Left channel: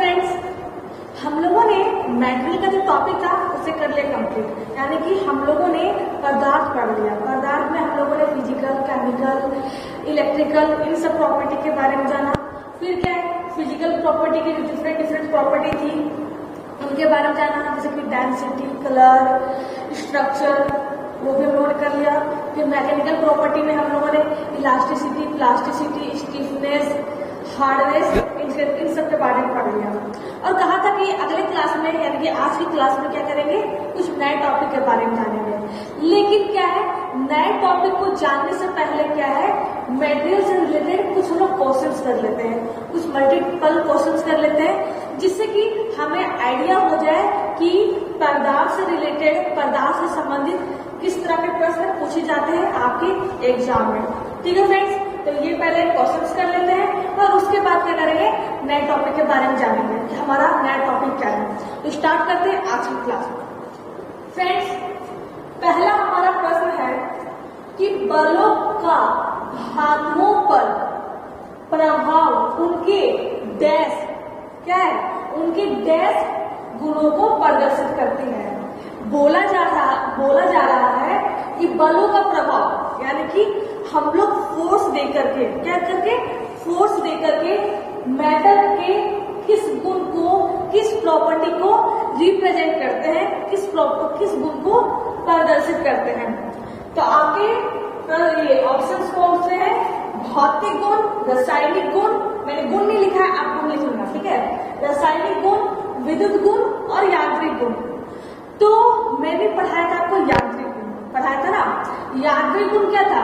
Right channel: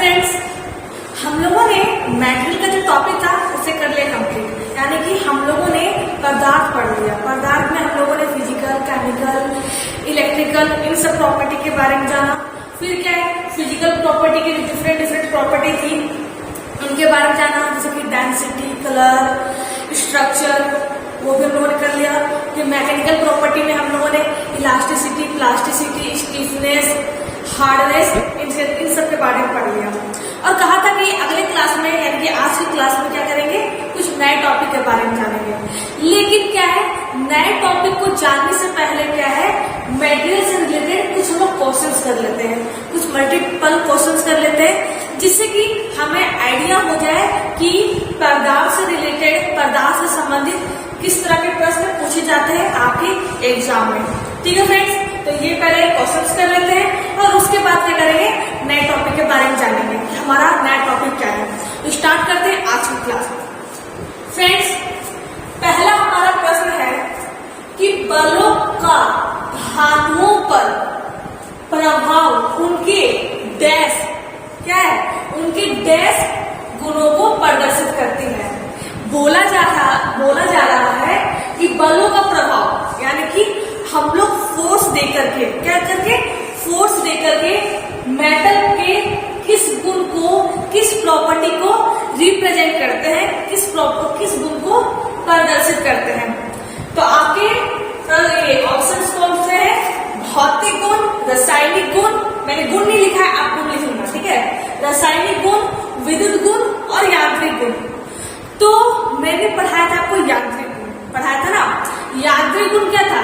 Friends, हम लोगों ने मेटल का जो टॉपिक था उसे कर लिया कंप्लीट। यानी कि हम लोगों ने पदार्थ पढ़ लिया। पदार्थ में हम लोगों ने फिजिकल, केमिकल, इलेक्ट्रिकल इन सब प्रॉपर्टी के बारे में जाना। फिर क्या है, फिजिकल प्रॉपर्टी की डिफरेंट प्रॉपर्टी थी उनके बारे में जाना, जैसे कि डेंसिटी, कलर, स्ट्रक्चर, वो भी हम लोगों ने कर लिया। फिर मैकेनिकल प्रॉपर्टी में हम लोगों ने elasticity, plasticity, stiffness, hardness in सब के बारे में पढ़ लिया। और कहा था कि अगले क्लास में यानी कि आज की क्लास में क्या करेंगे, कुछ नए टॉपिक के बारे में जानेंगे। लेकिन क्या है, नए टॉपिक को जानने से पहले क्या है, मटेरियल से रिलेटेड कुछ हम लोग क्वेश्चंस कर लेते हैं, कुछ मल्टीपल क्वेश्चंस कर लेते हैं, जिससे कि हमें आइडिया हो जाए कि पदार्थ से रिलेटेड, पदार्थ से संबंधित किस तरह के प्रश्न पूछे जाते हैं आपके एग्जाम में। ठीक है फ्रेंड्स, तो ये पहले क्वेश्चंस कर लेते हैं और उसके बाद क्या करेंगे, नए टॉपिक के बारे में जानेंगे कि हमारा नया टॉपिक क्या है। तो स्टार्ट करते हैं आज की क्लास। फ्रेंड्स, पहला हमारा प्रश्न है कि बलों का धातुओं पर प्रभाव उनके डैश क्या है, उनके डैश गुणों को प्रदर्शित करती है। बोला जा रहा है कि बलों का प्रभाव यानी कि हम लोग फोर्स देकर के क्या करके, फोर्स देकर के मेटल के किस गुण को, किस प्रॉपर्टी को रिप्रेजेंट करते हैं, किस गुण को प्रदर्शित करते हैं। तो आपके ये ऑप्शंस कौन से हैं, भौतिक गुण, रासायनिक गुण, मैंने गुण नहीं लिखा है, आप गुण लिखूंगा, ठीक है, रासायनिक गुण, विद्युत गुण और यांत्रिक गुण। तो मैंने पढ़ाया था आपको यांत्रिक गुण, पढ़ाया था ना। यांत्रिक गुण क्या था,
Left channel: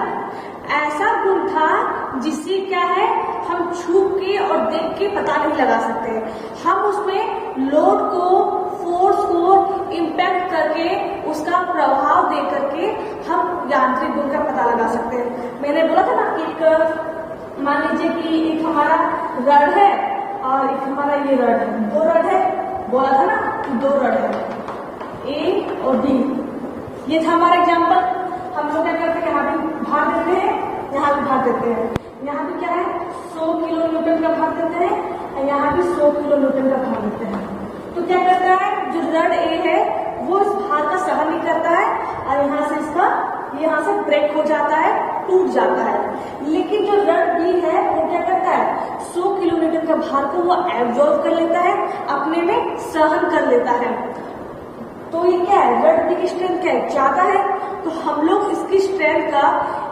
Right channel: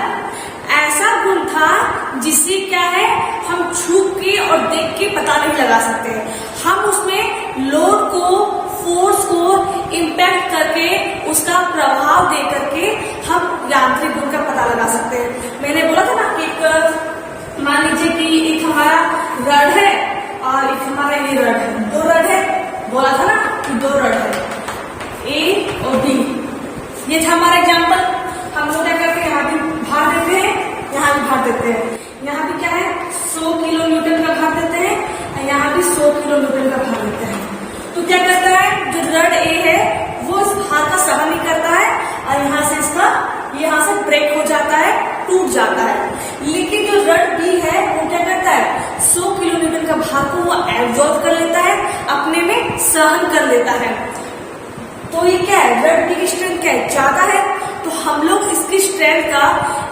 ऐसा गुण था जिससे क्या है, हम छू के और देख के पता नहीं लगा सकते। हम उसमें लोड को, फोर्स को इम्पैक्ट करके, उसका प्रभाव दे करके हम यांत्रिक गुण का पता लगा सकते हैं। मैंने बोला था ना, एक मान लीजिए कि एक हमारा रड है और एक हमारा ये रड है, दो रड है, बोला था ना कि दो रड है, ए और बी। ये था हमारा एग्जाम्पल। हम लोग क्या करते हैं, यहाँ भी भार देते हैं, यहाँ भी भार देते हैं। यहाँ भी क्या है, 100 किलो न्यूटन का भार देते हैं और यहाँ भी 100 किलो न्यूटन का भार देते हैं। तो क्या करता है, जो रड ए है वो इस भार का सहन नहीं करता है और यहाँ से ब्रेक हो जाता है, टूट जाता है। लेकिन जो रड बी है वो क्या करता है, 100 किलो न्यूटन का भार को वो एब्जॉर्ब कर लेता है, अपने में सहन कर लेता है। तो ये क्या है, रड बी की स्ट्रेंथ क्या है, ज्यादा है। तो हम लोग इसकी स्ट्रेंथ का,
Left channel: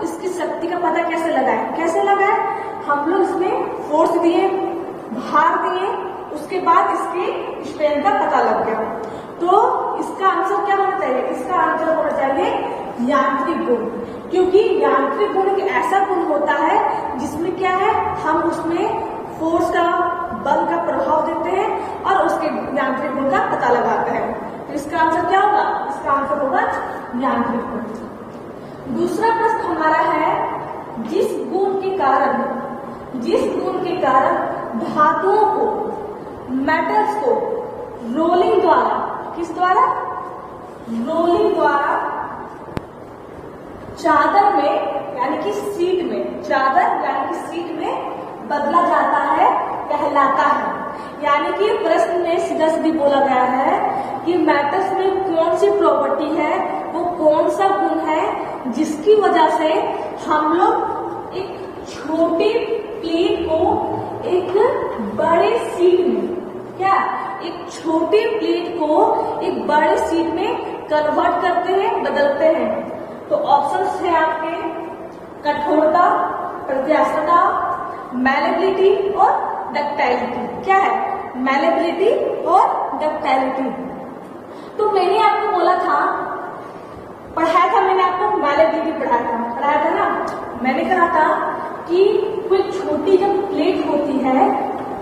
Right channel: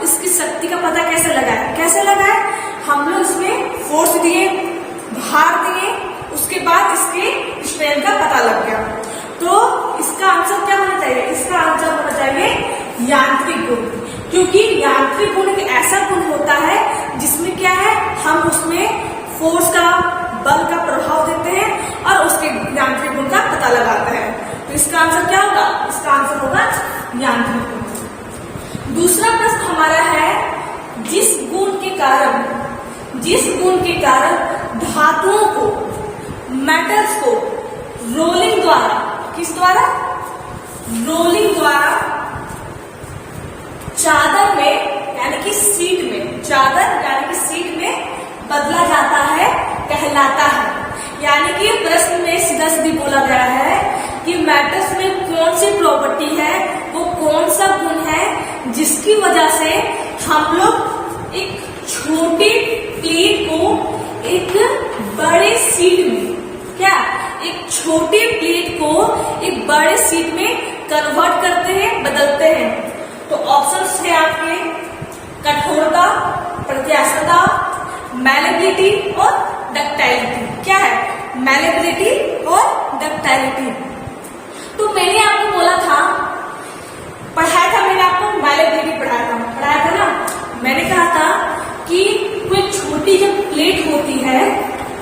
इसकी शक्ति का पता कैसे लगाए, हम लोग इसमें फोर्स दिए, भार दिए, उसके बाद इसके स्ट्रेंथ का पता लग गया। तो इसका आंसर क्या होना चाहिए, इसका आंसर होना चाहिए यांत्रिक गुण। क्योंकि यांत्रिक गुण एक ऐसा गुण होता है जिसमें क्या है, हम उसमें फोर्स का, बल का प्रभाव देते हैं और उसके यांत्रिक गुण का पता लगाते हैं। तो इसका आंसर क्या होगा, इसका आंसर होगा यांत्रिक गुण। दूसरा प्रश्न हमारा है, जिस गुण के कारण धातुओं को, मेटल्स को रोलिंग द्वारा, किस द्वारा, रोलिंग द्वारा चादर में यानी कि सीट में, चादर यानी कि सीट में बदला जाता है, कहलाता है। यानी कि प्रश्न में सीधा सीधी बोला गया है कि मेटल्स में कौन सी प्रॉपर्टी है, वो कौन सा गुण है जिसकी वजह से हम लोग एक छोटी प्लेट को एक बड़े सीट में, क्या, एक छोटी प्लेट को एक बड़े सीट में कन्वर्ट करते हैं, बदलते हैं। तो ऑप्शंस है आपके, कठोरता, प्रत्यास्थता, मैलेबिलिटी और डक्टाइलिटी। क्या है, मैलेबिलिटी और डक्टाइलिटी। तो मैंने आपको बोला था, पढ़ाया था मैंने आपको, मैलेबिलिटी पढ़ाया था ना। मैंने कहा था कि कोई छोटी जब प्लेट होती है,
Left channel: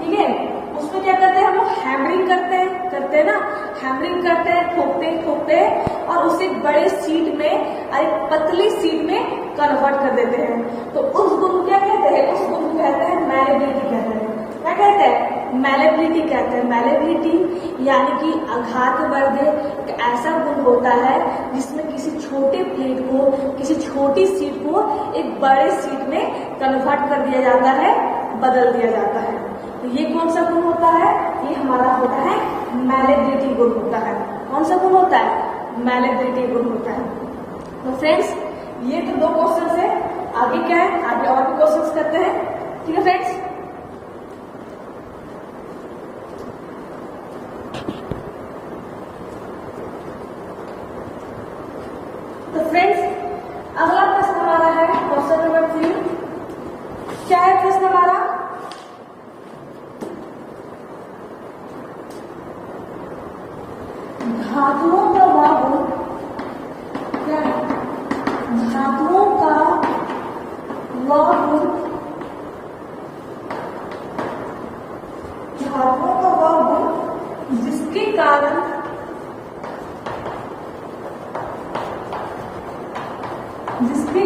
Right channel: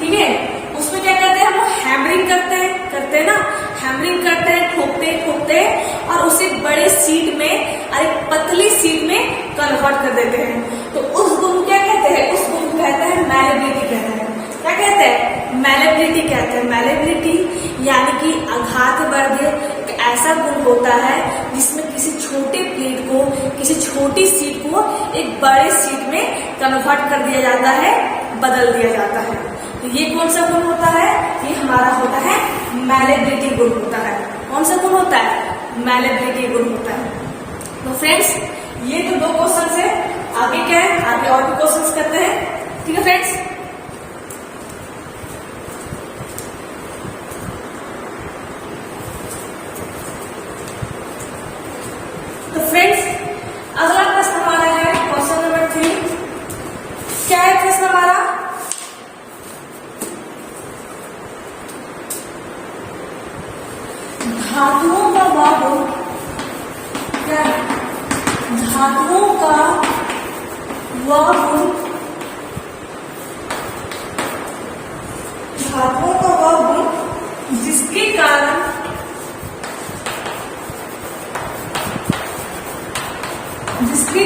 ठीक है, उसमें क्या करते हैं, हम लोग हैमरिंग करते हैं ना, हैमरिंग करते हैं, ठोकते हैं और उसे बड़े सीट में और एक पतली सीट में कन्वर्ट कर देते हैं। तो उस गुण को क्या कहते हैं, उस गुण को कहते हैं मैलेबिलिटी कहते हैं। क्या कहते हैं, मैलेबिलिटी कहते हैं। मैलेबिलिटी यानी कि आघातवर्धे एक ऐसा गुण होता है जिसमें किसी छोटे प्लेट को, किसी छोटी सीट को एक बड़े सीट में कन्वर्ट कर दिया जाता है, बदल दिया जाता है। तो ये कौन सा गुण होता है? ये हमारा होता है मैलेबिलिटी गुण होता है। कौन सा गुण होता है? मैलेबिलिटी गुण होता है। तो फ्रेंड्स ये तो 2 क्वेश्चन है। आगे क्या है? आगे और भी क्वेश्चन करते हैं। ठीक है फ्रेंड्स। तो फ्रेंड्स अगला प्रश्न हमारा है क्वेश्चन नंबर 3। क्या है प्रश्न हमारा? धातुओं का वह गुण, क्या है? धातुओं का वह गुण, धातुओं का वह गुण जिसके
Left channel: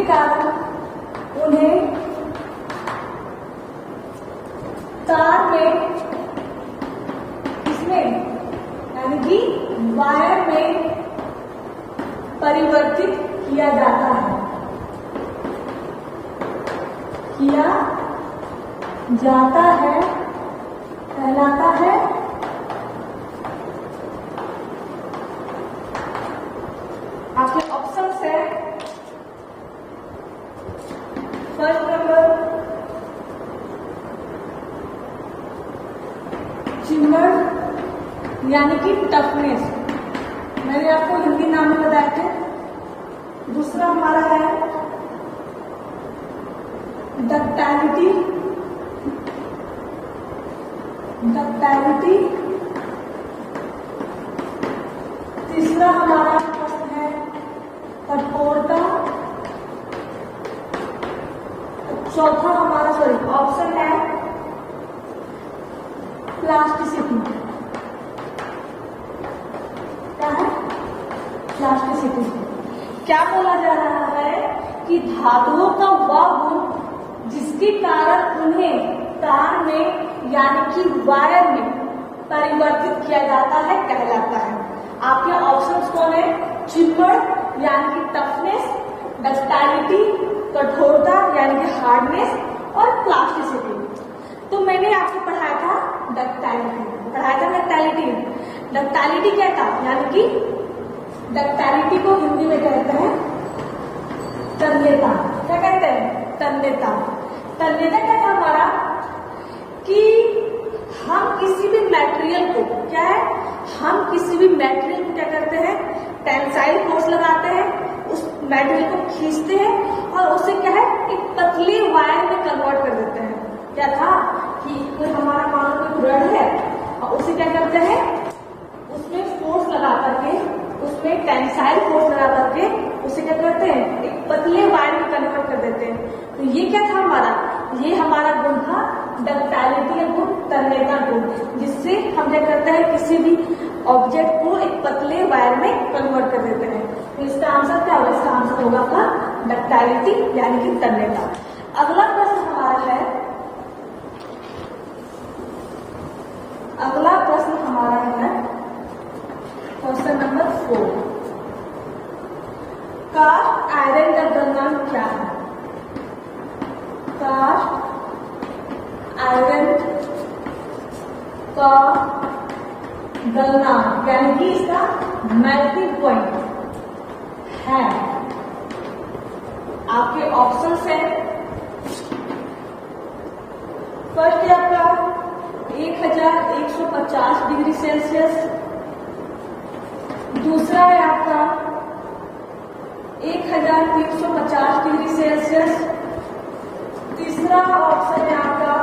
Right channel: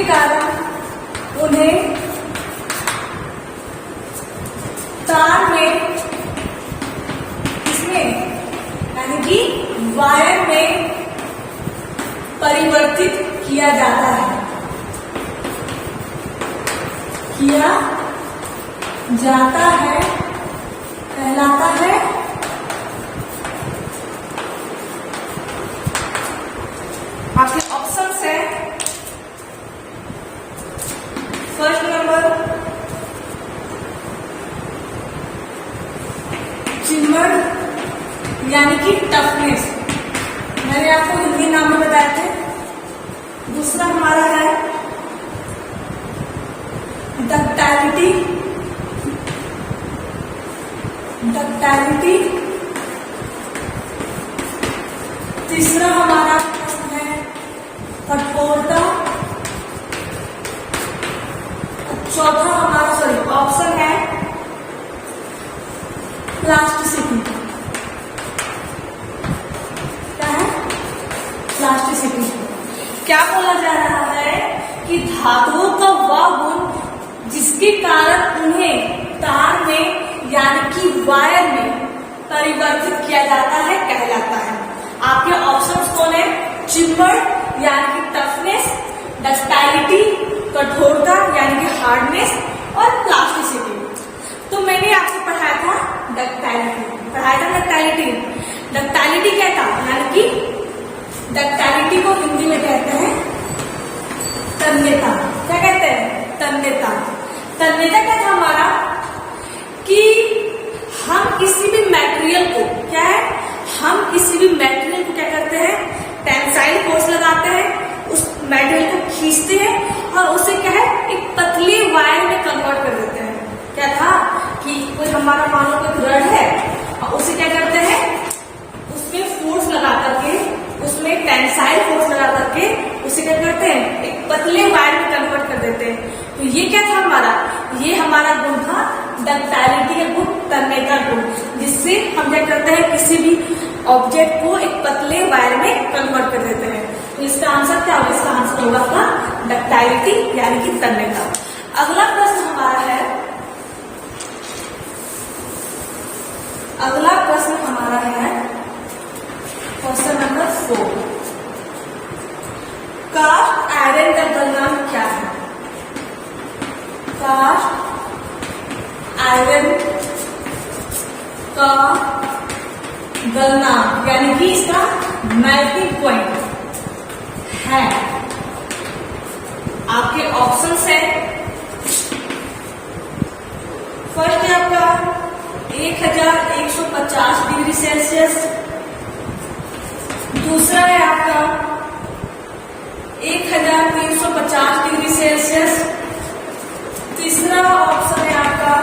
कारण उन्हें तार में, इसमें यानी कि वायर में परिवर्तित किया जाता है, कहलाता है। आपके ऑप्शन है फर्स्ट नंबर चिमड़ यानी कि टफनेस, मैंने आपको हिंदी नाम में बताए थे। दूसरा हमारा है डक्टाइलिटी, तीसरा हमारा प्रश्न है कठोरता। चौथा हमारा ऑप्शन है प्लास्टिसिटी। क्या है? प्लास्टिसिटी। क्या बोला जा रहा है कि धातुओं का वह गुण जिसके कारण उन्हें तार में यानी कि वायर में परिवर्तित किया जाता है कहलाता है। आपके ऑप्शंस कौन है? चिम्बर यानी कि टफनेस, डक्टाइलिटी कठोरता यानी कि हार्डनेस और प्लास्टिसिटी। तो मैंने आपको पढ़ाया था डक्टाइलिटी। डक्टाइलिटी क्या था? यानी कि डक्टाइलिटी को हिंदी में कहते हैं तन्यता। क्या कहते हैं? तन्यता। तन्यता क्या था हमारा? कि हम किसी भी मटेरियल को, क्या है, हम किसी भी मटेरियल को क्या करते हैं? टेंसाइल फोर्स लगाते हैं, उस मटेरियल को खींचते हैं और उसे क्या है, एक पतली वायर में कन्वर्ट कर देते हैं। क्या था कि कोई हमारा मान लो कोई रड है और उसे क्या करते हैं, उसमें फोर्स लगा करके, उसमें टेंसाइल फोर्स लगा करके उसे क्या करते हैं, एक पतले वायर में कन्वर्ट कर देते हैं। तो ये क्या था हमारा? ये हमारा गुण था डक्टाइलिटी का गुण, तन्यता गुण, जिससे हम क्या करते हैं, किसी भी ऑब्जेक्ट को एक पतले वायर में कन्वर्ट कर देते हैं। तो इसका आंसर क्या होगा? इसका आंसर होगा आपका डक्टाइलिटी यानी कि तन्यता। अगला प्रश्न हमारा है, क्वेश्चन नंबर 4। कास्ट आयरन का गलनांक क्या है? कास्ट आयरन का गलनांक यानी कि इसका मेल्टिंग पॉइंट है। आपके ऑप्शंस है, फर्स्ट है आपका 1150 डिग्री सेल्सियस, दूसरा है आपका 1350 डिग्री सेल्सियस, तीसरा ऑप्शन है आपका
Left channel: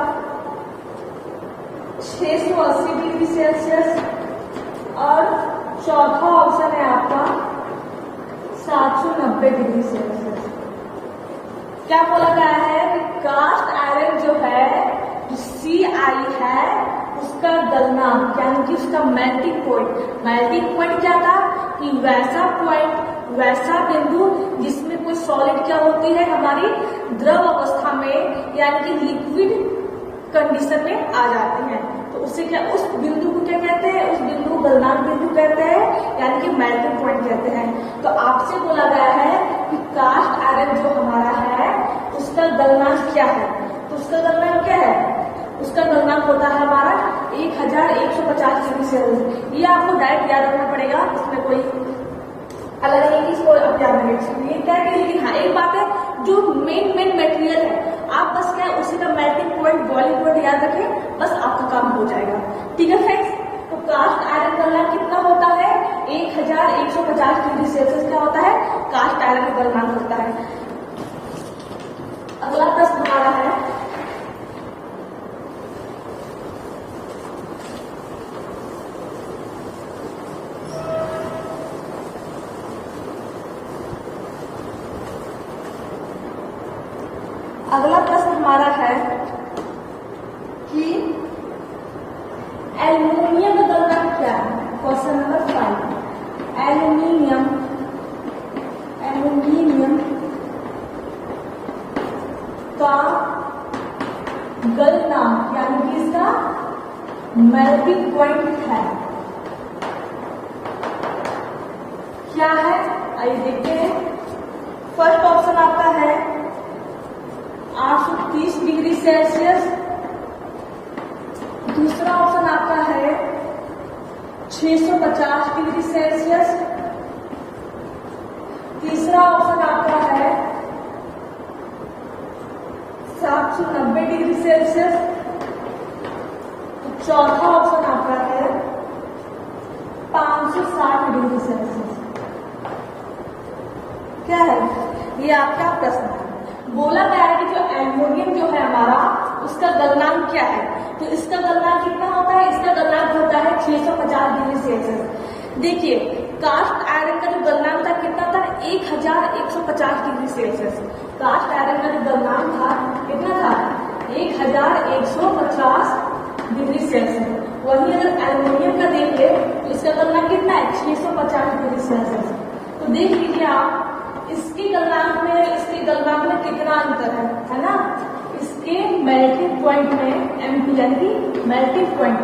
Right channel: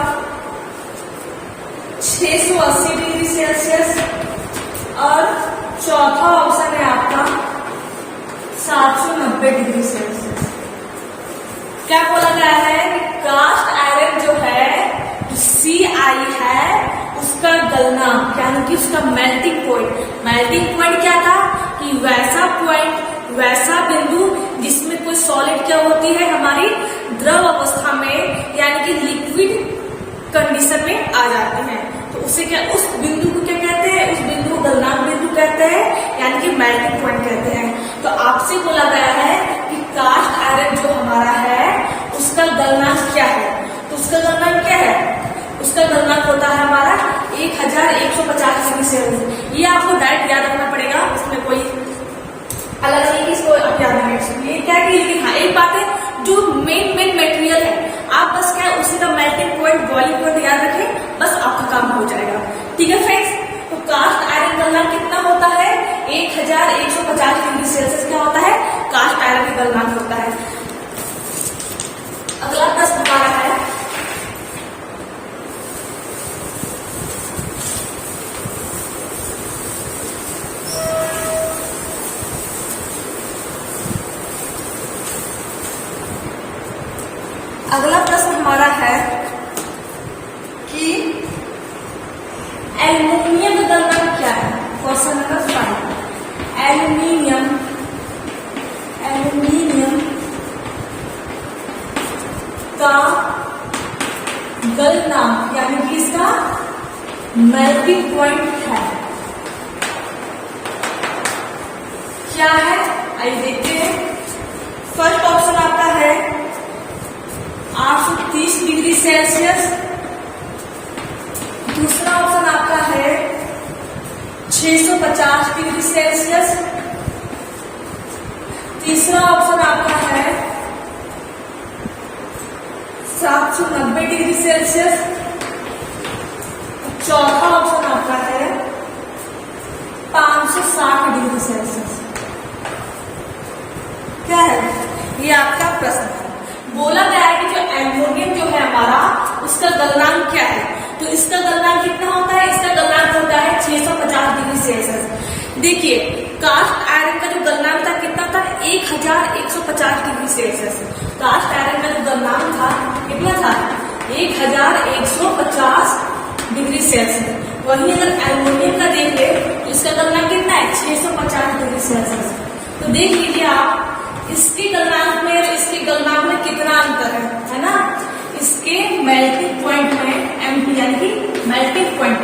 680 डिग्री सेल्सियस और चौथा ऑप्शन है आपका 790 डिग्री सेल्सियस। क्या बोला गया है कि कास्ट आयरन जो है, जो CI है, उसका गलनांक यानी कि उसका मेल्टिंग पॉइंट क्या था कि वैसा पॉइंट, वैसा बिंदु जिसमें कोई सॉलिड क्या होती है, हमारी द्रव अवस्था में यानी कि लिक्विड कंडीशन में आ जाते हैं। तो उसे क्या, उस बिंदु को क्या कहते हैं? उस बिंदु को गलनांक बिंदु कहते हैं यानी कि मेल्टिंग पॉइंट कहते हैं। तो आपसे बोला गया है कि कास्ट आयरन जो हमारा है उसका गलनांक क्या है? तो उसका गलनांक क्या है? उसका गलनांक होता है हमारा 1150 डिग्री सेल्सियस। ये आपको डायरेक्ट याद रखना पड़ेगा, इसमें कोई अलग नहीं कि इसको आप याद रखें। ये क्या कि लेकिन हाँ एक बात है, जो मेन मटेरियल है आप बस क्या उसी का मेल्टिंग पॉइंट, बॉइलिंग पॉइंट याद रखें, बस आपका काम हो जाएगा। ठीक है फ्रेंड्स, तो कास्ट आयरन गलनांक कितना होता है? 1150 डिग्री सेल्सियस क्या होता है? कास्ट आयरन का गलनांक होता है। अगला प्रश्न हमारा है, अगला प्रश्न हमारा है कि एल्यूमिनियम का गलनांक क्या है? Question number 5। एल्यूमिनियम का गलनांक यानी कि इसका मेल्टिंग पॉइंट है क्या है? आइए देखते हैं। फर्स्ट ऑप्शन आपका है 830 डिग्री सेल्सियस, दूसरा ऑप्शन आपका है 650 डिग्री सेल्सियस, तीसरा ऑप्शन आपका है 790 डिग्री सेल्सियस, चौथा ऑप्शन आपका है 560 डिग्री सेल्सियस। क्या है? ये आपका प्रश्न है। बोला गया है कि जो एल्यूमिनियम जो है हमारा उसका गलनांक क्या है? तो इसका गलनांक कितना होता है? इसका गलनांक होता है 650 डिग्री सेल्सियस। देखिए कास्ट आयरन का जो गलनांक था कितना था? 1150 डिग्री सेल्सियस। कास्ट आयरन का जो गलनांक था कितना था? 1150 डिग्री सेल्सियस। वही अगर एल्यूमिनियम का देख ले तो इसका गलनांक कितना है? 650 डिग्री सेल्सियस। तो देख लीजिए आप इसके गलनांक में और इसके गलनांक में कितना अंतर है ना? इसके मेल्टिंग पॉइंट में एमपी यानी कि मेल्टिंग पॉइंट,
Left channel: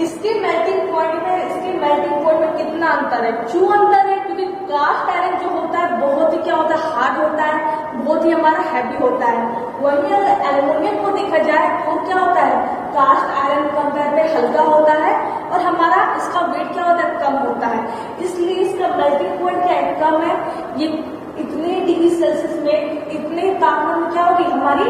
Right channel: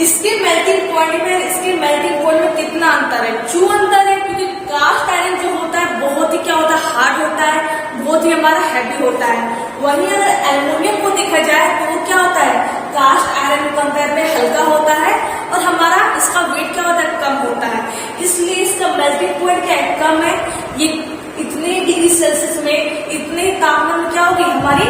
इसके मेल्टिंग पॉइंट में इसके मेल्टिंग पॉइंट में कितना अंतर है? क्यों अंतर है? क्योंकि कास्ट आयरन जो होता है बहुत ही क्या होता है? हार्ड होता है, बहुत ही हमारा हैवी होता है। वहीं अगर एल्यूमिनियम को देखा जाए तो वो क्या होता है? कास्ट आयरन कंपेयर में हल्का होता है और हमारा इसका वेट क्या होता है? कम होता है। इसलिए इसका मेल्टिंग पॉइंट क्या है? कम है। ये इतने डिग्री सेल्सियस में, इतने तापमान में क्या होगी? हमारी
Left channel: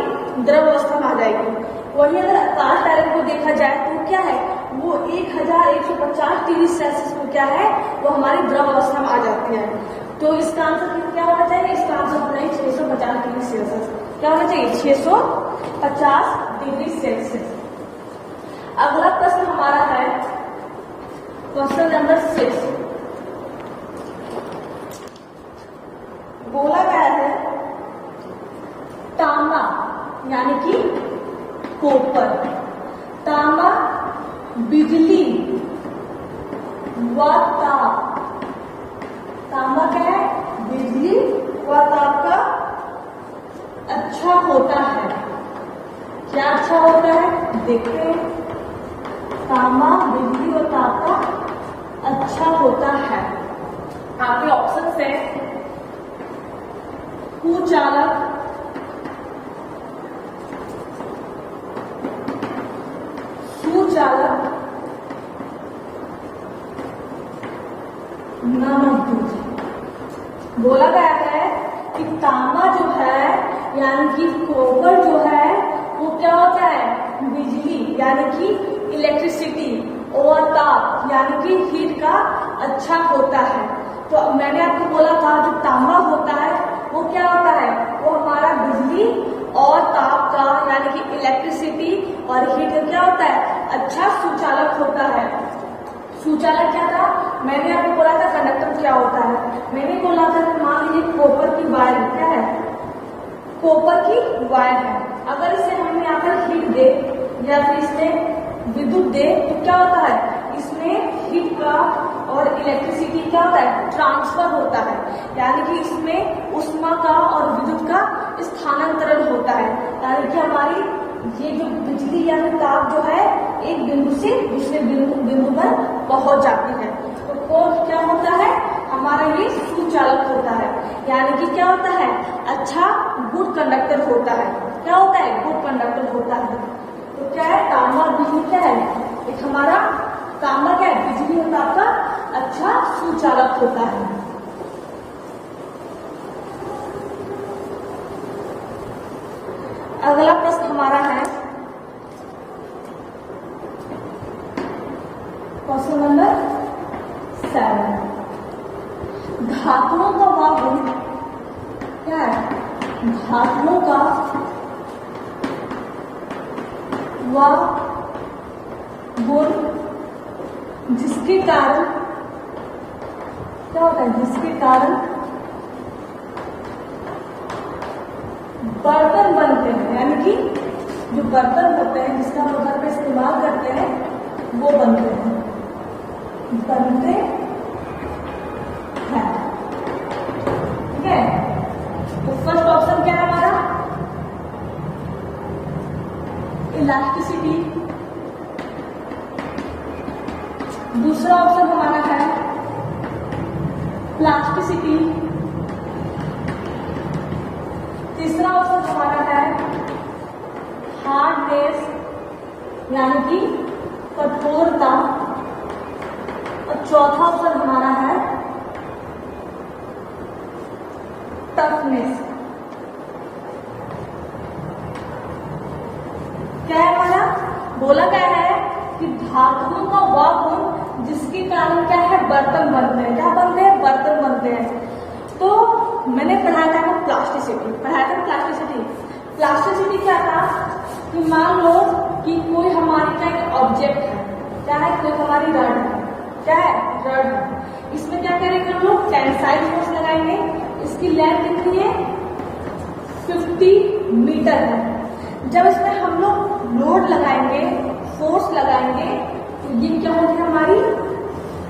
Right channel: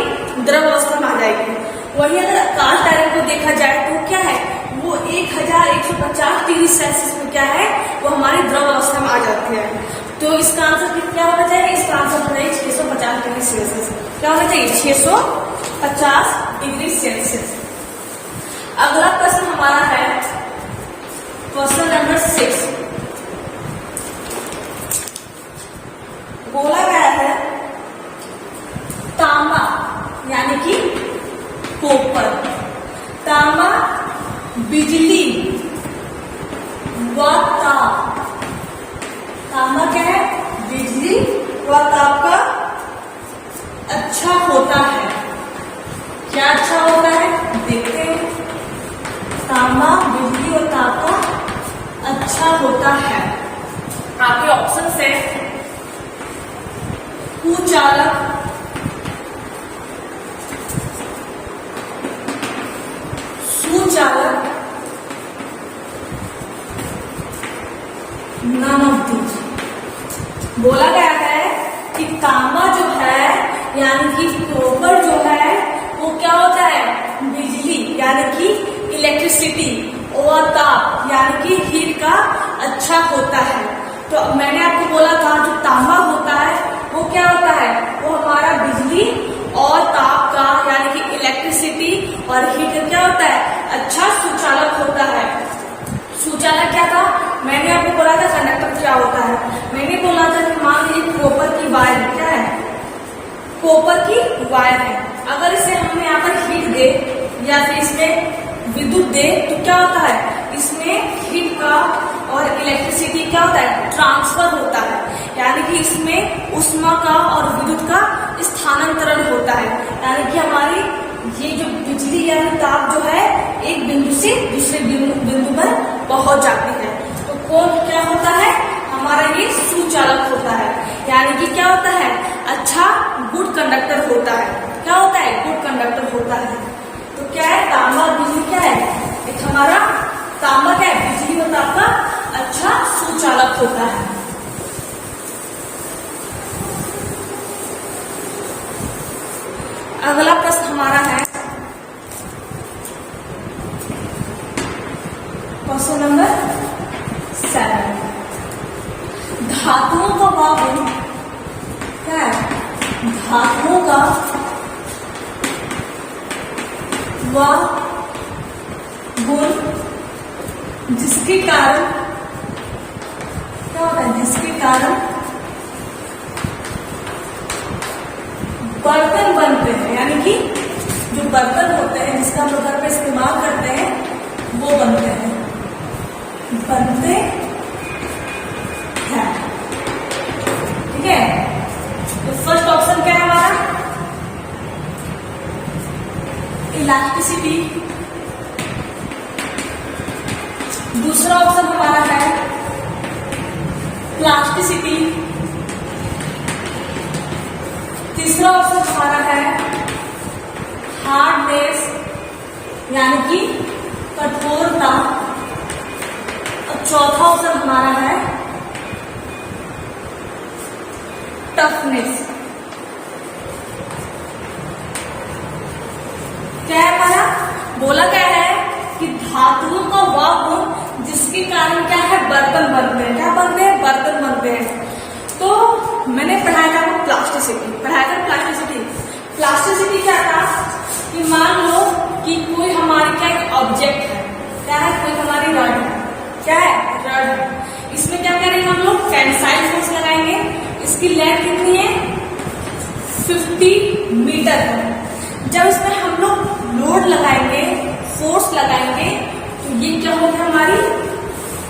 द्रव अवस्था में आ जाएगी। वही अगर कास्ट आयरन को देखा जाए तो क्या है? वो 1150 डिग्री सेल्सियस में क्या है? वो हमारी द्रव अवस्था में आ जाती है। तो इसका आंसर क्या होना चाहिए? इसका आंसर होना है 650 डिग्री सेल्सियस। क्या होना चाहिए? 650 डिग्री सेल्सियस। अगला प्रश्न हमारा है क्वेश्चन नंबर 6। बोला गया है तांबा यानी कि कॉपर, तांबा बिजली व ताप, तांबा क्या है? बिजली व ताप का अच्छा होता है। क्या अच्छा होता है? देखते हैं। तांबा बिजली और ताप का अच्छा होता है। आपके ऑप्शन है कुचालक, सुचालक, नन ऑफ दीज। बोला गया है कि तांबा जो है यानी कि कॉपर जो है वो क्या होता है? बिजली यानी कि इलेक्ट्रिसिटी और ताप यानी कि हीट का अच्छा होता है। तो मैंने आपको बोला था जो तांबा होता है वो क्या होता है? वो हमारा बिजली और ताप का यानी कि इलेक्ट्रिसिटी और हीट का क्या होता है? अच्छा सुचालक होता है। सुचालक क्या था? मैंने आपको बोला था कंडक्टर क्या होता है। मैंने बोला था कि मान लीजिए कॉपर की वायर क्या है? कॉपर की वायर है। अगर इसे हमने यहाँ पर हीट दे या फिर इसमें विद्युत दे तो क्या होता है? इसमें हीट का और इलेक्ट्रिसिटी क्या होता है? ट्रांसफर होता है। यानी कि इसमें उष्मा का और विद्युत का स्थानांतरण होता है। यानी कि हमारी ये जो बिजली या फिर ताप जो है एक बिंदु से दूसरे बिंदु पर पहुंच जाती है। तो कौन क्या होता है? हमारा ये सुचालक होता है। यानी कि क्या होता है? अच्छा गुड कंडक्टर होता है। क्या होता है? गुड कंडक्टर होता है। तो क्या है, तांबा बिजली क्या है, एक हमारा तांबा क्या है, बिजली होता आपका अच्छा सुचालक होता है। अगला प्रश्न हमारा है क्वेश्चन नंबर 7। धातुओं का वह गुण क्या है, धातुओं का वह गुण जिसके कारण क्या होता है, जिसके कारण बर्तन बनते हैं, यानी कि जो बर्तन होते हैं जिसका हम लोग घर पे इस्तेमाल करते हैं वो बनते हैं, बनते हैं। ठीक है, तो फर्स्ट ऑप्शन क्या है हमारा, इलास्टिसिटी। दूसरा ऑप्शन हमारा है प्लास्टिसिटी। तीसरा ऑप्शन हमारा है हार्डनेस यानी कि कठोरता। और चौथा ऑप्शन हमारा है टफनेस। क्या है हमारा, बोला क्या है कि धातुओं का वह गुण जिसके कारण क्या है, बर्तन बनते हैं। क्या बनते हैं, बर्तन बनते हैं। तो मैंने पढ़ाया था वो प्लास्टिसिटी, पढ़ाया था प्लास्टिसिटी। प्लास्टिसिटी क्या था कि मान लो कि कोई हमारी क्या एक ऑब्जेक्ट है, क्या है, कोई हमारी रड है, क्या है, रड है। इसमें क्या करेंगे हम लोग, टेंसाइल फोर्स लगाएंगे। इसकी लेंथ कितनी है, 50 मीटर है। जब इसमें हम लोग लोड लगाएंगे, फोर्स लगाएंगे, तो ये क्या होगी हमारी,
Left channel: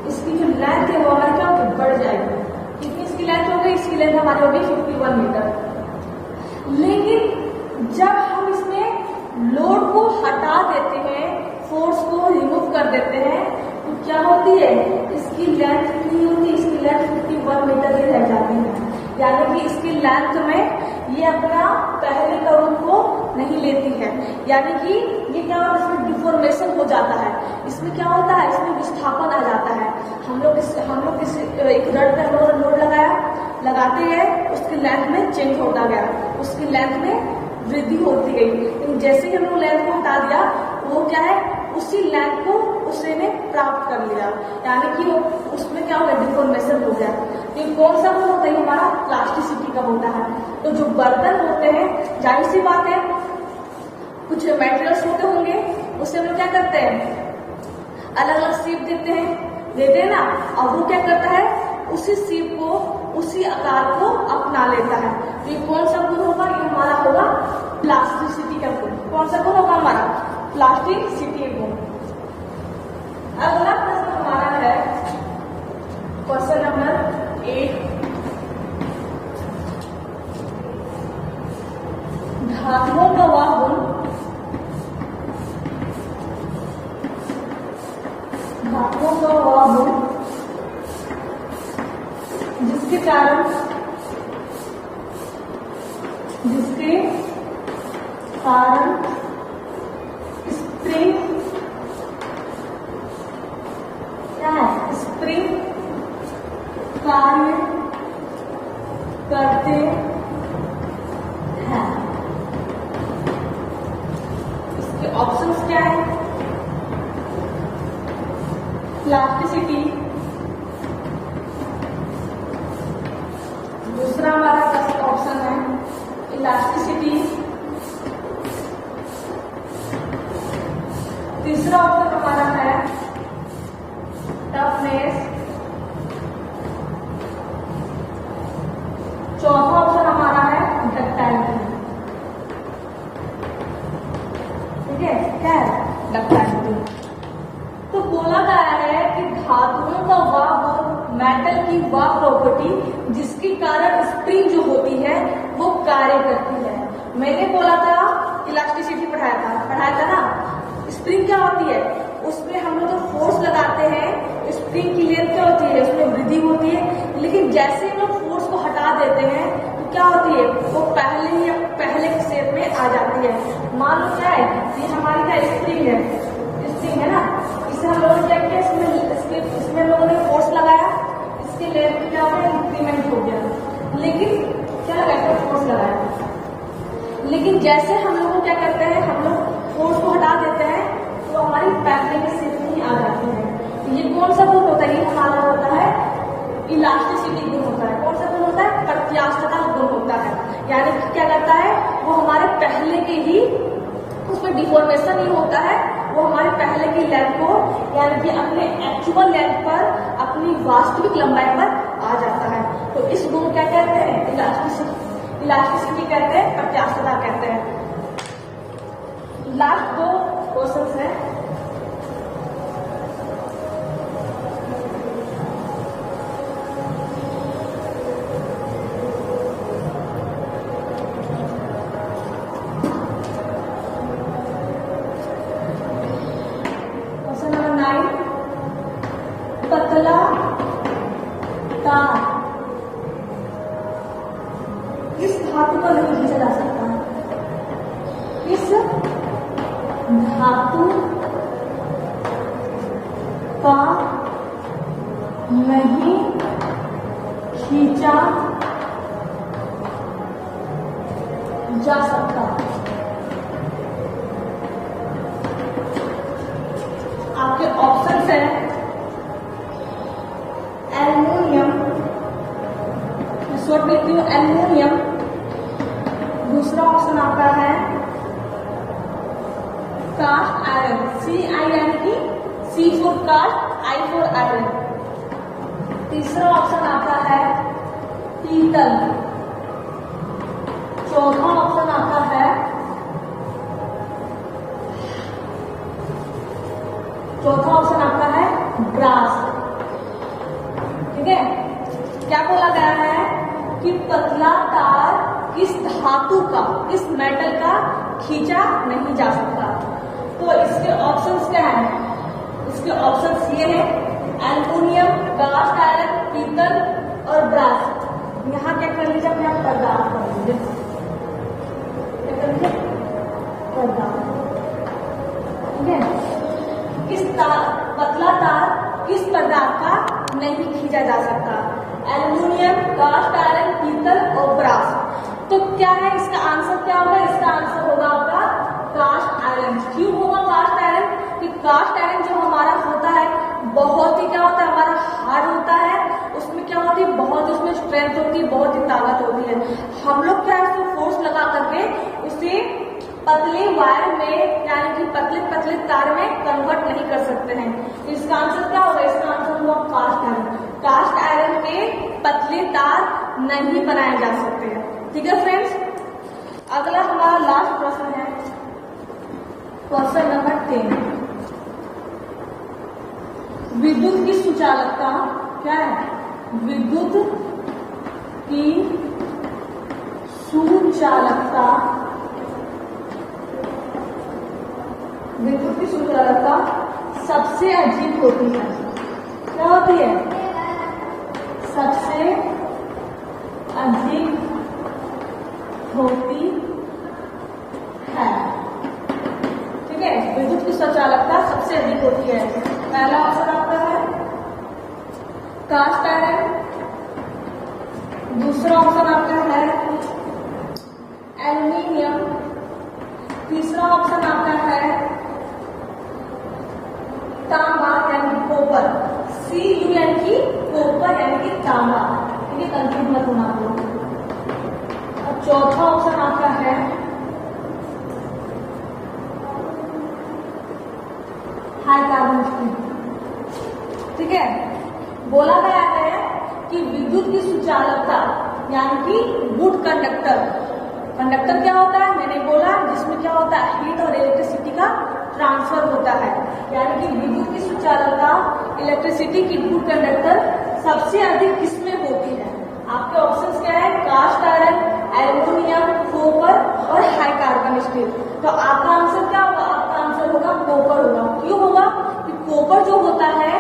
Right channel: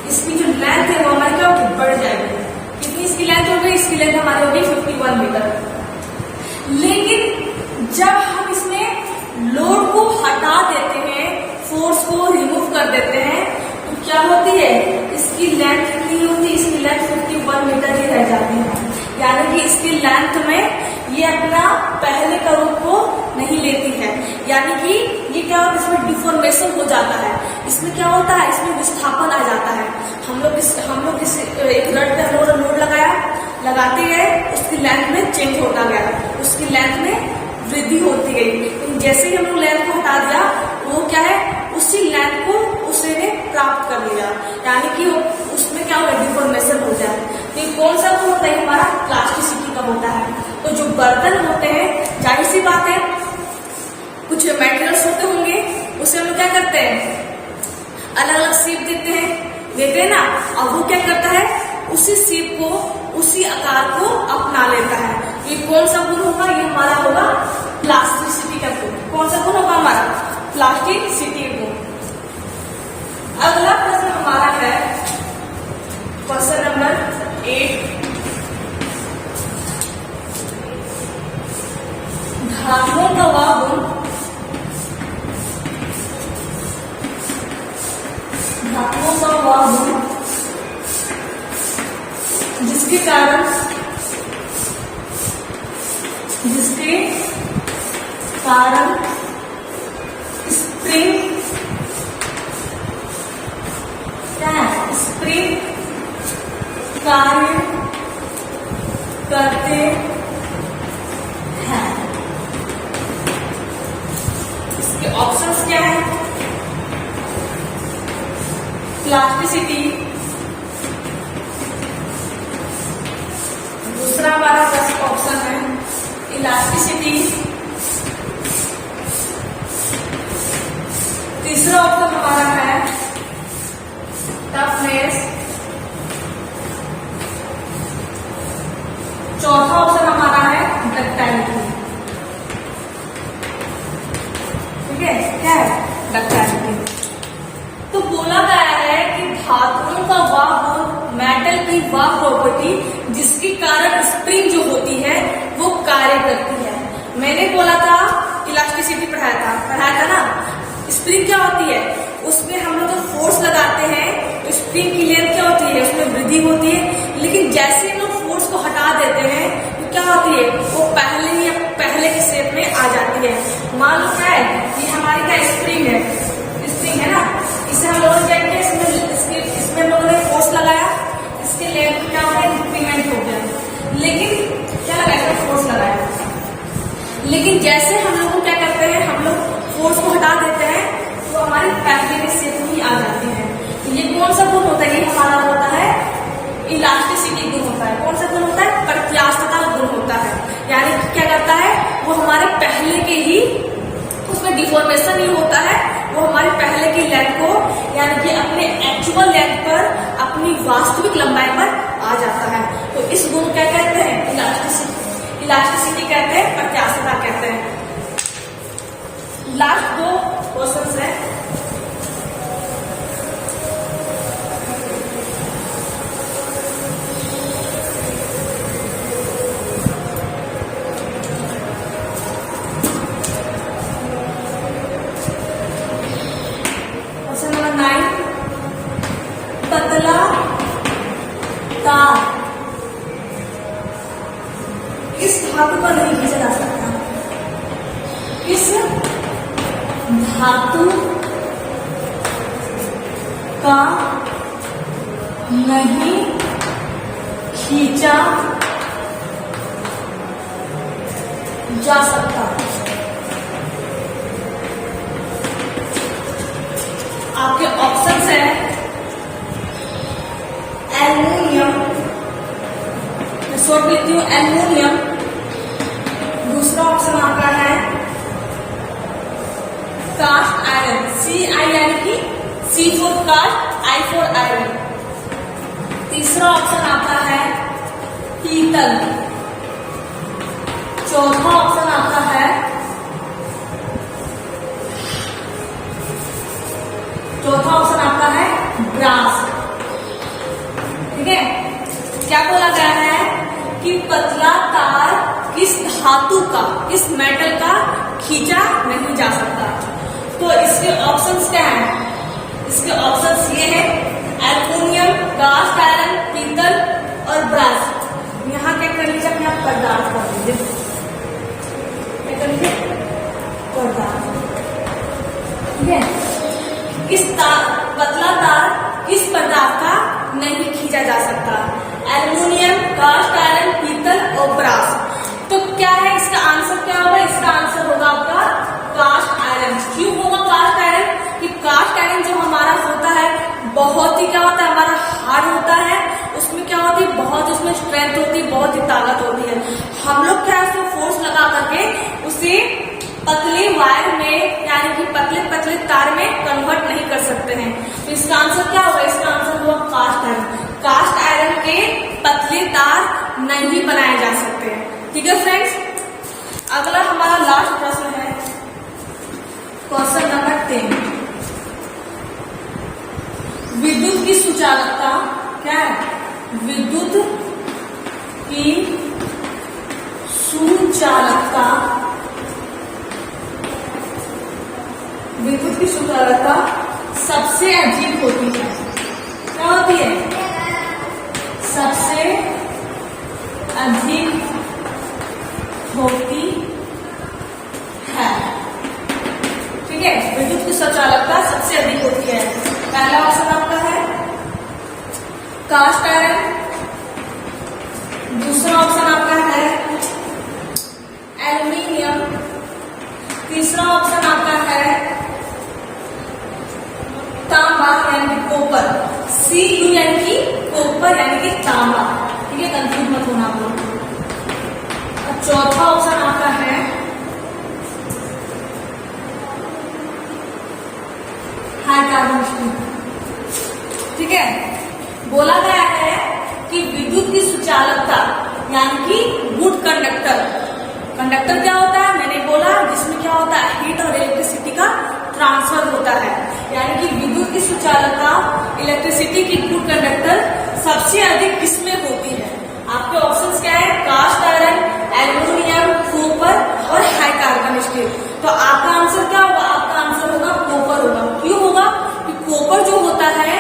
इसकी जो लेंथ है वो हमारी क्या होगी, बढ़ जाएगी। कितनी इसकी लेंथ हो गई, इसकी लेंथ हमारी होगी 51 मीटर। लेकिन जब हम इसमें लोड को हटा देते हैं, फोर्स को रिमूव कर देते हैं, तो क्या होती है, इसकी लेंथ कितनी होती है, इसकी लेंथ 51 मीटर ही रह जाती है। यानी कि इसकी लेंथ में ये अपना पहले का रूप को नहीं लेती है। यानी कि ये क्या होता है, इसमें डिफॉर्मेशन हो जाता है। इसमें क्या होता है, इसमें विस्थापन आ जाता है। हम लोग एक रड पे हम लोगों ने लोड लगाया, लगाते गए, उसकी लेंथ में चेंज होता गया, उसकी लेंथ में वृद्धि होती गई। लेकिन जैसे ही हम लोग लेंथ को हटा दिया, वो क्या है, उसी लेंथ को उसने प्राप्त कर लिया। यानी कि उसमें क्या होगा, डिफॉर्मेशन हो जाए। तो कौन सा गुण होता है हमारा, प्लास्टिसिटी का होता है। तो जो बर्तन होते हैं, जाहिर सी बात है कुछ मटेरियल्स होते होंगे, उसे हम लोग क्या करते हैं, अलग अलग शेप देते हैं ना। और वो क्या करता है, उसी शेप को, उसी आकार को अपना लेता है। ये कौन सा गुण होगा, ये हमारा होगा प्लास्टिसिटी का गुण। कौन सा गुण होगा हमारा, प्लास्टिसिटी गुण। अगला प्रश्न हमारा है क्वेश्चन नंबर 8। धातुओं का वह गुण, धातुओं का वह गुण जिसके कारण स्प्रिंग क्या है, स्प्रिंग कार्य करते हैं। इसके ऑप्शंस क्या है, प्लास्टिसिटी। दूसरा हमारा फर्स्ट ऑप्शन है इलास्टिसिटी। तीसरा ऑप्शन हमारा है टफनेस। चौथा ऑप्शन हमारा है डक्टाइलिटी। ठीक है, क्या है, डक्टाइलिटी। तो बोला गया है कि धातुओं का वह गुण, मेटल की वह प्रॉपर्टी जिसके कारण स्प्रिंग जो होती है वो कार्य करती है। मैंने बोला था इलास्टिसिटी पढ़ाया था ना। स्प्रिंग क्या होती है, उसमें हम लोग फोर्स लगाते हैं तो स्प्रिंग की लेंथ क्या होती है, उसमें वृद्धि होती है। लेकिन जैसे हम लोग फोर्स को हटा देते हैं तो क्या होती है, वो पहले की शेप में आ जाती है। मान लो क्या है, ये हमारी क्या स्प्रिंग है ना, इसे हम लोगों ने क्या किया, इसमें हम लोगों ने फोर्स लगाया, इसके लेग क्या हो गया, इंक्रीमेंट हो गया, लेकिन क्या लगाया, फोर्स लगाया, लेकिन जैसे हम लोग को क्या करते हैं, हम लोग फोर्स को हटा देते हैं तो हमारी पहले के शेप में ही आ जाती है। तो ये कौन सा गुण होता है, ये हमारा होता है इलास्टिसिटी गुण होता है। कौन सा गुण होता है, प्रत्यास्थता गुण होता है। यानी कि क्या करता है, वो हमारे पहले के ही, उसमें डिफॉर्मेशन नहीं होता है, वो हमारे पहले की लेंथ को यानी कि अपने एक्चुअल लेंथ पर, अपनी वास्तविक लंबाई पर आ जाता है। तो इस गुण को क्या कहते हैं, इलास्टिसिटी कहते हैं, प्रत्यास्थता कहते हैं। लास्ट 2 क्वेश्चंस है। क्वेश्चन नंबर 9, पतला तार इस धातु का नहीं खींचा जा सकता, इस धातु का नहीं खींचा जा सकता। आपके ऑप्शंस है एल्युमिनियम, मैं शॉर्ट में लिखती हूँ एल्युमिनियम, दूसरा ऑप्शन आपका है कास्ट आयरन, CI यानी कि C for cast, I for iron. तीसरा ऑप्शन आता है पीतल। चौथा ऑप्शन आता है ब्रास। ठीक है, क्या बोला गया है कि पतला तार किस धातु का, किस मेटल का खींचा नहीं जा सकता। तो इसके ऑप्शंस क्या हैं, इसके ऑप्शंस ये है एल्युमिनियम, कास्ट आयरन, पीतल और ब्रास। यहाँ क्या कर लीजिए, अपने आप पदार्थ कर लीजिए, क्या कर लीजिए, पदार्थ। ठीक है, पतला तार किस पदार्थ का नहीं खींचा जा सकता, एल्युमिनियम, कास्ट आयरन, पीतल और ब्रास। तो क्या है इसका आंसर, क्या होगा, इसका आंसर होगा आपका कास्ट आयरन। क्यों होगा कास्ट आयरन, कि कास्ट आयरन जो हमारा होता है बहुत ही क्या होता है, हमारा हार्ड होता है, उसमें क्या होती है, बहुत उसमें स्ट्रेंथ होती है, बहुत ही ताकत होती है। हम लोग क्या उसमें फोर्स लगा करके उसे पतले वायर में यानी कि पतले पतले तार में कन्वर्ट नहीं कर सकते हैं। तो इसका आंसर क्या होगा, इसका आंसर हुआ कास्ट आयरन। कास्ट आयरन के पतले तार नहीं बनाए जा सकते हैं। ठीक है फ्रेंड्स, अगला हमारा लास्ट प्रश्न है क्वेश्चन नंबर 10। विद्युत की सुचालकता क्या है, विद्युत की सुचालकता, विद्युत की सुचालकता सबसे अधिक होती है। क्या होती है, सबसे अधिक होती है। ठीक है, विद्युत की सुचालकता सबसे अधिक होती है। पहला ऑप्शन आपका है कास्ट आयरन, दूसरा ऑप्शन आपका है एल्युमिनियम, तीसरा ऑप्शन आपका है तांबा यानी कि कॉपर, Cu यानी कि कॉपर यानी कि तांबा। ठीक है, कंफ्यूज मत होना आप लोग। और चौथा ऑप्शन आपका है हाई कार्बन स्टील। ठीक है, बोला गया है कि विद्युत की सुचालकता यानी कि गुड कंडक्टर, कंडक्टर क्या होता है, मैंने बोला जिसमें क्या होता है, हीट और इलेक्ट्रिसिटी का ट्रांसफर होता है। यानी कि विद्युत की सुचालकता, इलेक्ट्रिसिटी की गुड कंडक्टर सबसे अधिक किसमें होती है। आपके ऑप्शंस क्या है, कास्ट आयरन, एल्युमिनियम, कॉपर और हाई कार्बन स्टील। तो आपका आंसर क्या होगा, आपका आंसर होगा कॉपर होगा। क्यों होगा, कि कॉपर जो होता है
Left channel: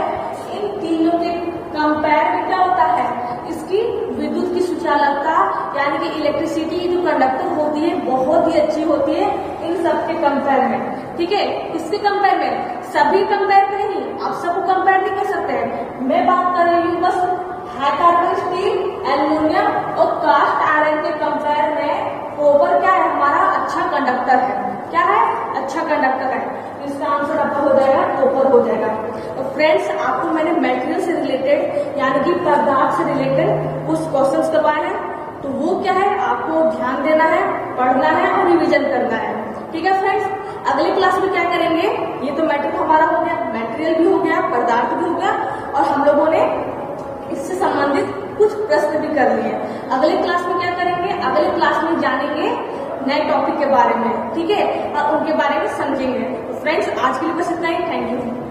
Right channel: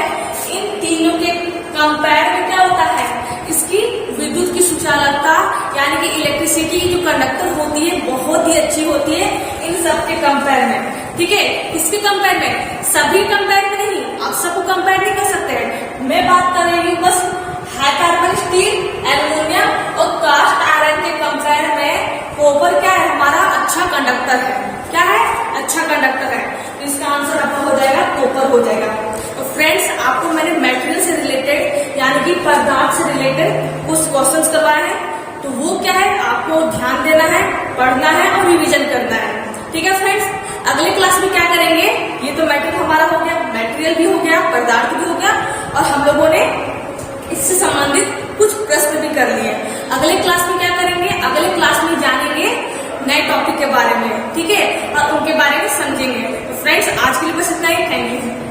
इन तीनों के कंपेयर में क्या होता है, इसकी विद्युत की सुचालकता यानी कि इलेक्ट्रिसिटी जो कंडक्टर होती है बहुत ही अच्छी होती है इन सब के कंपेयर में, ठीक है। इसके कंपेयर में, सभी कंपेयर में नहीं, आप सबको कंपेयर नहीं कर सकते हैं। मैं बात कर रही हूँ बस हाई कार्बन स्टील, एल्युमिनियम और कास्ट आयरन के कंपेयर में कॉपर क्या है, हमारा अच्छा कंडक्टर है। क्या है? अच्छा कंडक्टर है। तो इसका आंसर आपका हो जाएगा कॉपर हो जाएगा। तो फ्रेंड्स, आपको मैंने मेटेरियल से रिलेटेड यानी कि पदार्थ से रिलेटेड कुछ क्वेश्चंस करवाए हैं, तो वो क्या है आपको ध्यान देना है, पढ़ना है और रिविजन करना है, ठीक है फ्रेंड्स। अगले क्लास में क्या करेंगे, ये तो मैटर हमारा हो गया, मटेरियल भी हो गया, पदार्थ भी हो गया, और हम लोगों ने इससे संबंधित कुछ प्रश्न भी कर लिए। अगले क्लास में क्या करेंगे, अगले क्लास में जानेंगे नए टॉपिक के बारे में, ठीक है, और उनके बारे में समझेंगे। तो फ्रेंड्स, आज के लिए बस इतना ही। Thank you.